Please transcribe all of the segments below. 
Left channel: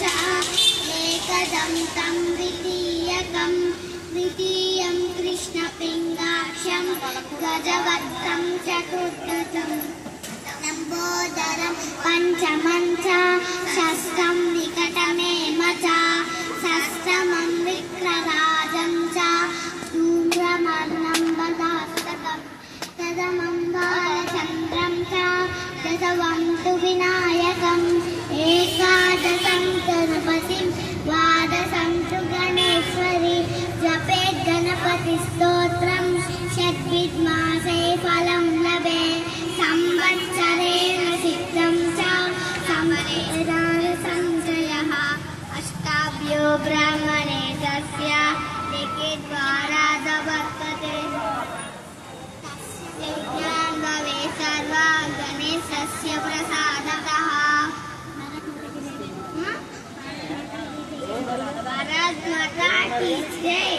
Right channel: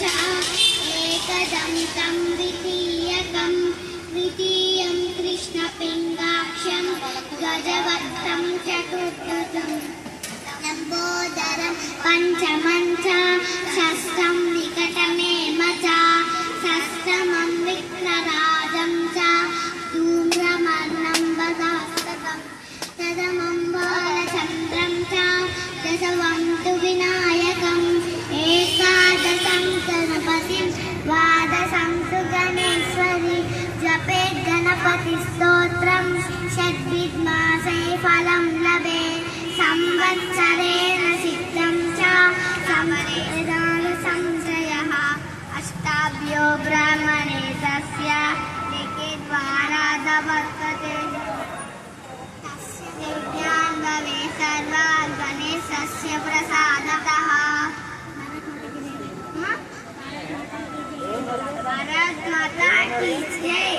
च एकदन्तं द्वितीयं कृष्णपिङ्गाक्षं गजवक्त्रं चतुर्भुजं लम्बोदरं पञ्चमं च षष्ठं विकटमेव च षष्ठमं विघ्नराजं च धूम्रवर्णं वदास्तकं तदमं बालचन्द्रं च दशमं तु विनायकम् एकादशं गणपतिं द्वादशं तु गणेश्वरी जपेत् गणपतिस्तोत्रं षड्विधमासे फलं लभेत् संवत्सरेण सिद्धं च समरेण संशयः अष्टाभ्यो ब्राह्मणे तस्य लिखे द्वारा वर्तते यज्ञान् भवेत् सर्वा गणेशस्य प्रसादतः भारत माता की जय।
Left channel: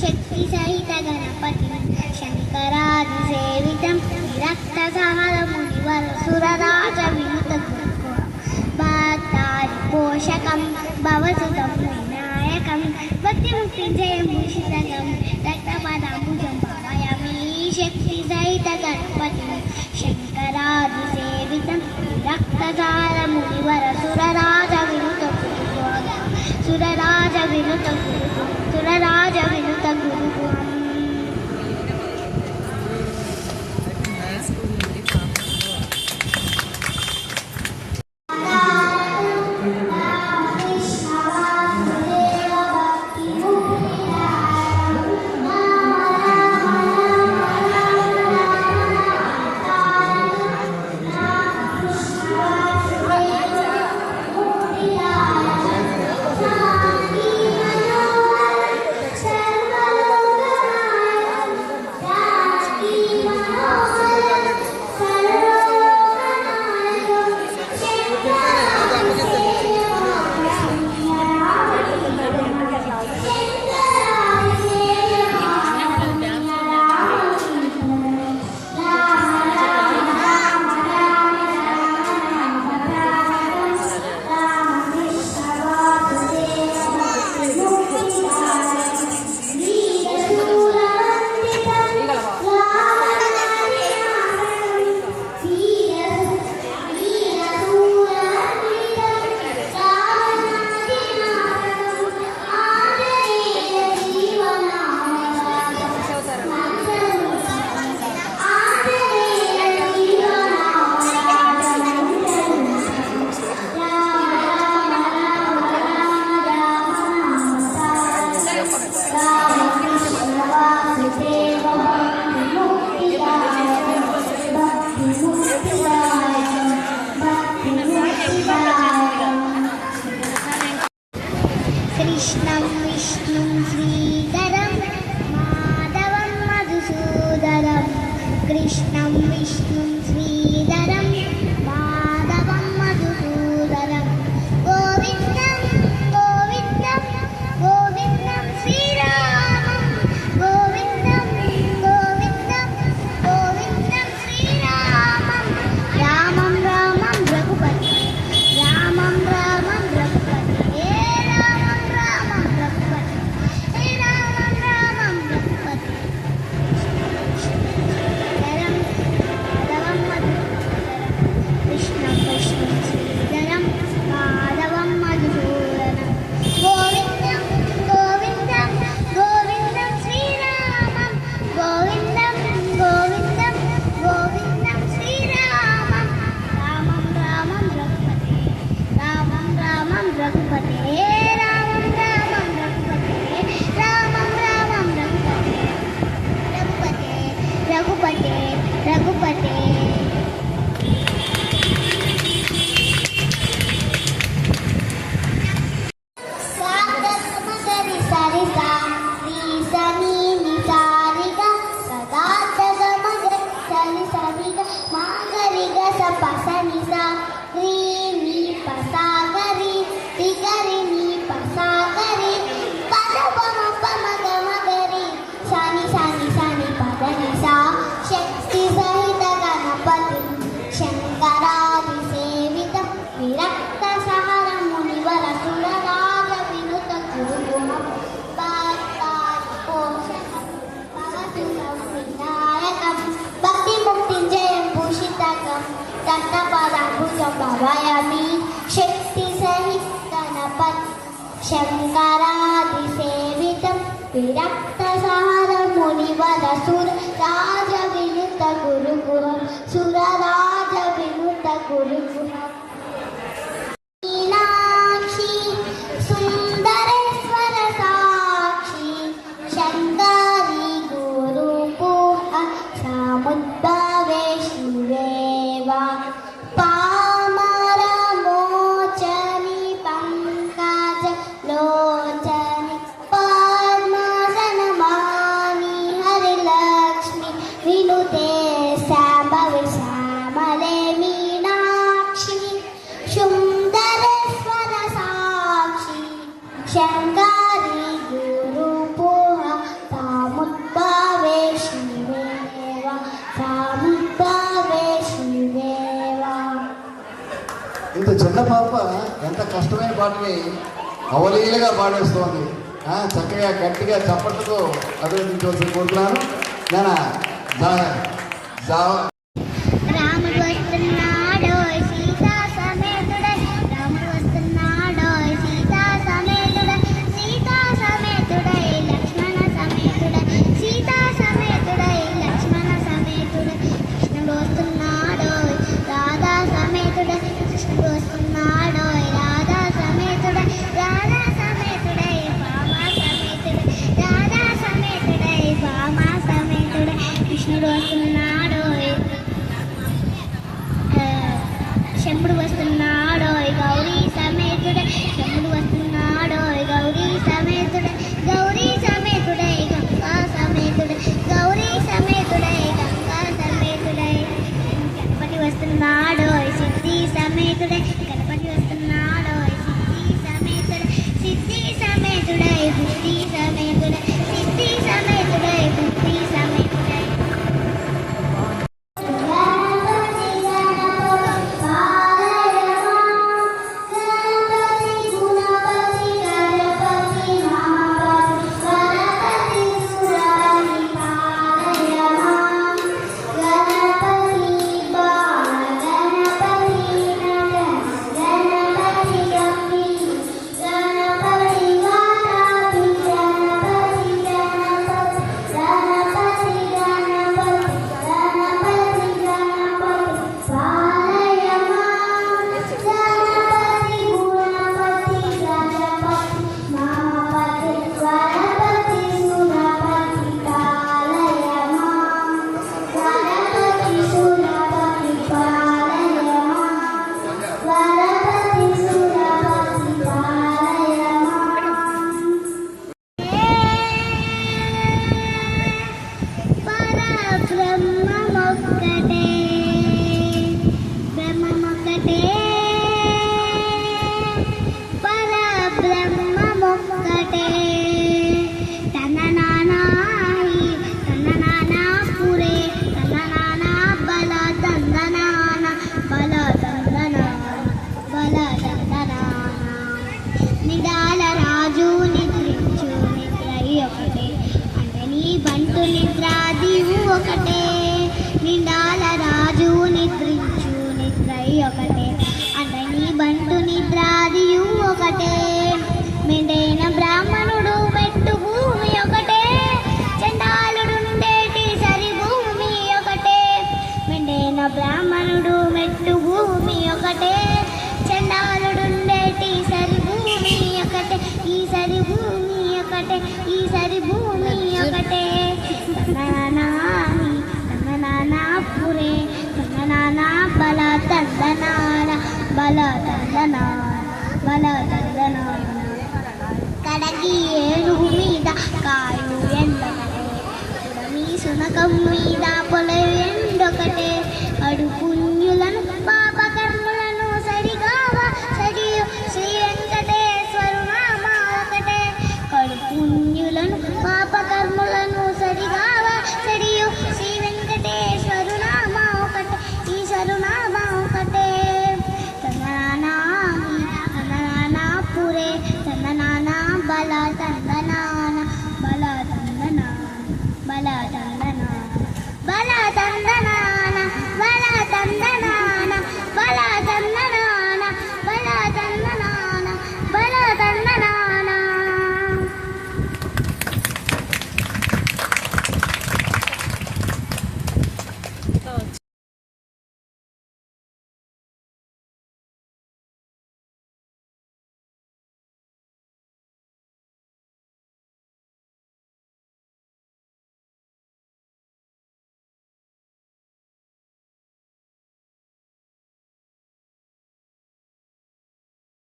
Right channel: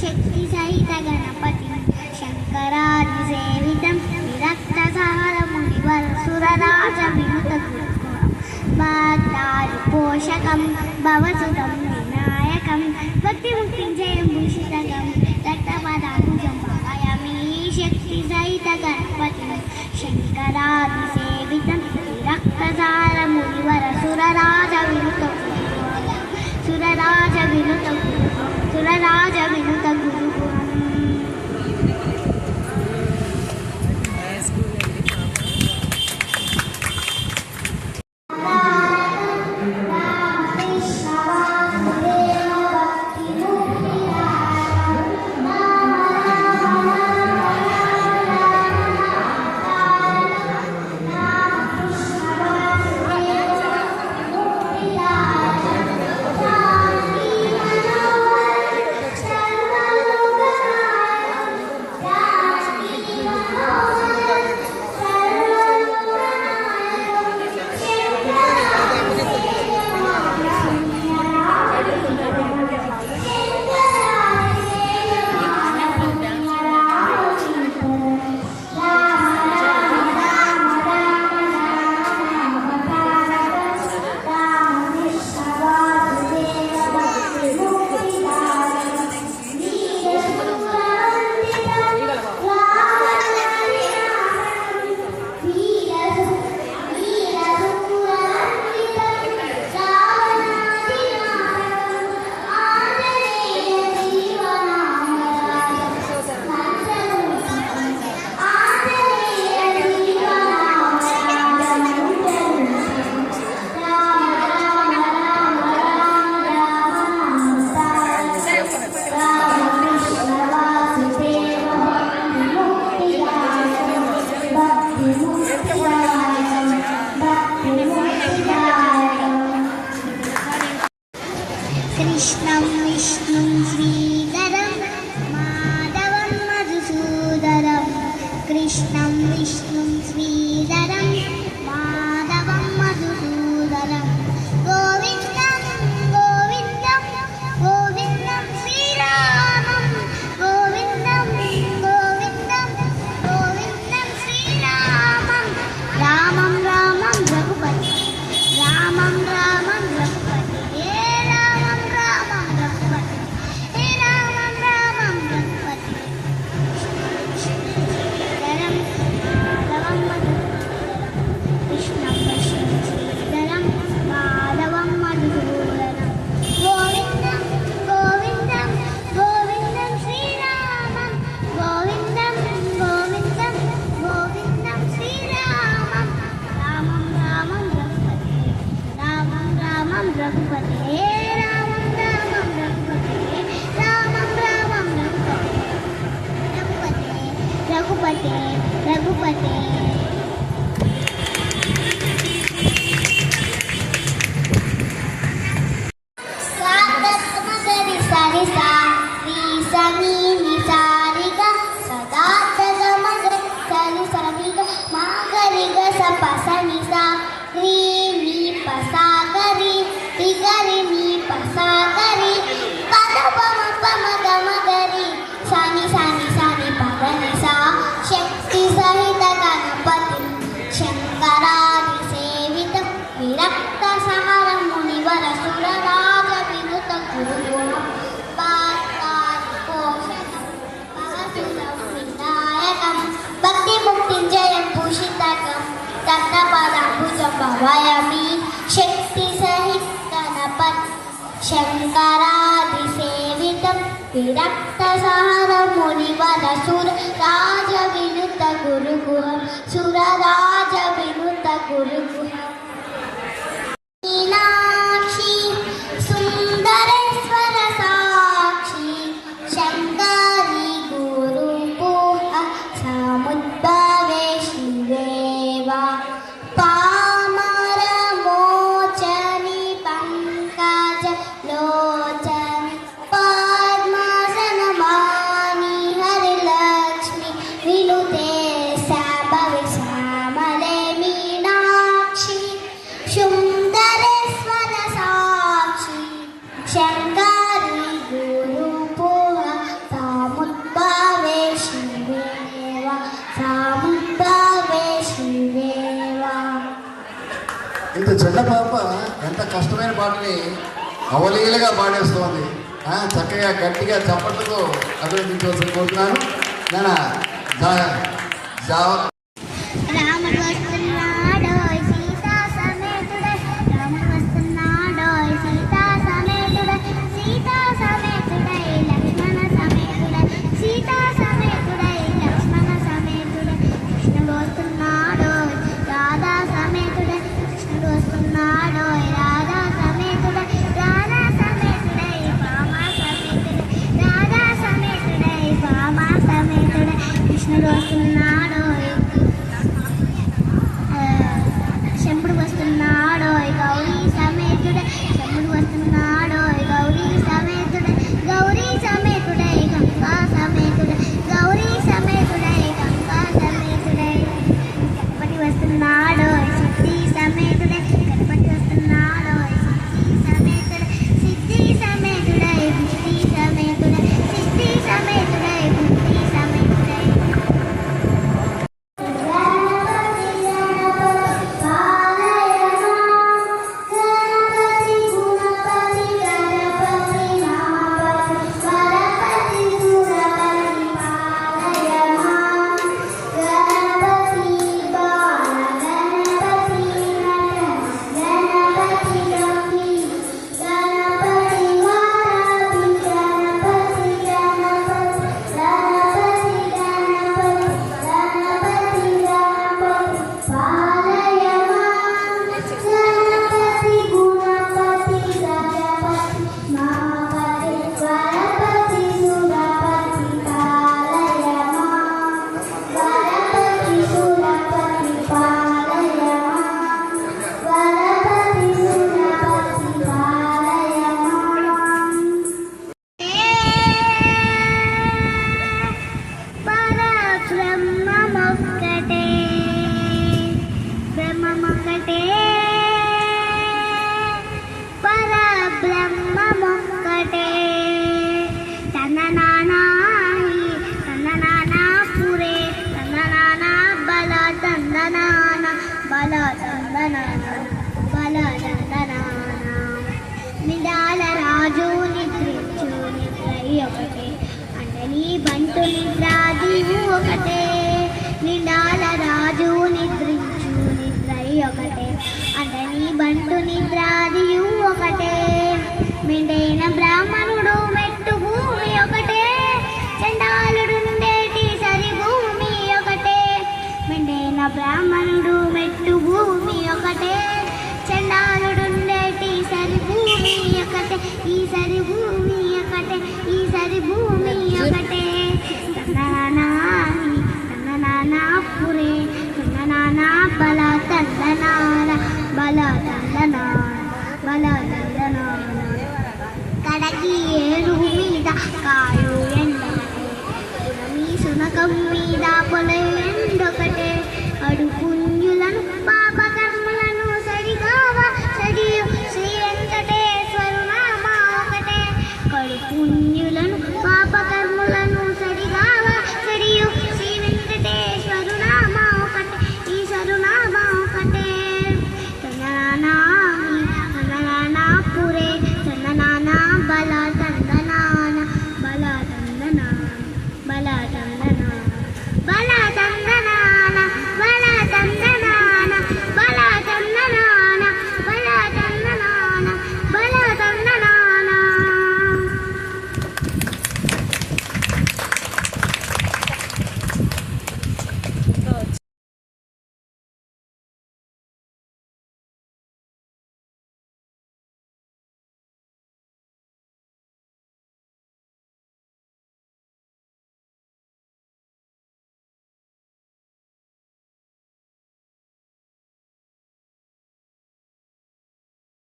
शक्ति सहित गणपति शंकरादि सेवितं विरक्तसहर मुनिवर सुरराज विनुत पोषकं भवसुतं विनायकं भक्तिमुक्तिजयं भूषितकं रक्तपदाम्बुजं भावयामि शक्ति सहित गणपति शंकरादि सेवितं विरक्तसहर कृष्णं विष्णुं श्रीधरं माधवं मधुसूदनं कृष्णं विष्णुं श्रीधरं माधवं मधुसूदनं गोविन्दं गोविन्दं गोविन्दं श्रीरामं गोविन्दं गोविन्दं गोविन्दं श्रीरामं रामं रामं रघुपति रामं रामं रघुपति रामं रामं रघुपति रामं रामं रघुपति कृष्णं विष्णुं श्रीधरं माधवं मधुसूदनं गोविन्दं गोविन्दं गोविन्दं श्रीरामं गोविन्दं गोविन्दं गोविन्दं श्रीरामं रामं रामं रघुपते रामं रामं रघुपते रामं रामं रघुपते रामं रामं रघुपते रघुपते रघुपते सागमगरि सरिसा रीसनी निसारिग सदा जगमगरि सरिसरिग मागरिग सपसनिसा रीनी पसागरि तिगरि नी पसागरि पदपम पमगमगरि सनि सनि सनि पदनिसा शक्ति सहित गणपति शंकरादि सेवित विरक्त सहर मुनिवर सुरराज विनुत गुरुगुणं पातादिपोषणं भवसुरं विनायकं भक्तिमुक्तिञ्जयं भूषितकं तत्पदाम्बुजं भावयामि शक्तिसहित गणपति शङ्करादिसेवितं विरक्तसारं मुनिवर सुरराज विनुत गुरुगुहं सुरराज विनुत गुरुगुहम् मीनाक्षी सुन्दरेश्वर साक्षी शङ्करी गुरुपुह समुद्भवे शिवेवा पामरमोचनि पङ्कज लोचनि पद्मासनमानि हरिलक्ष्मि विनुते शाम्भवे श्यामले मीनाक्षी सुन्दरेश्वर साक्षी शङ्करी गुरुपुह समुद्भवे शिवेवा समुद्भवे शिवेवा ఇంత చిన్న పాప ఎంత కష్టమైన పాటని అవలీలగా పాడేస్తోంది. చక్కగా గట్టిగా చప్పట్లతో అభినందించవలసి కోరుతున్నాను. నేను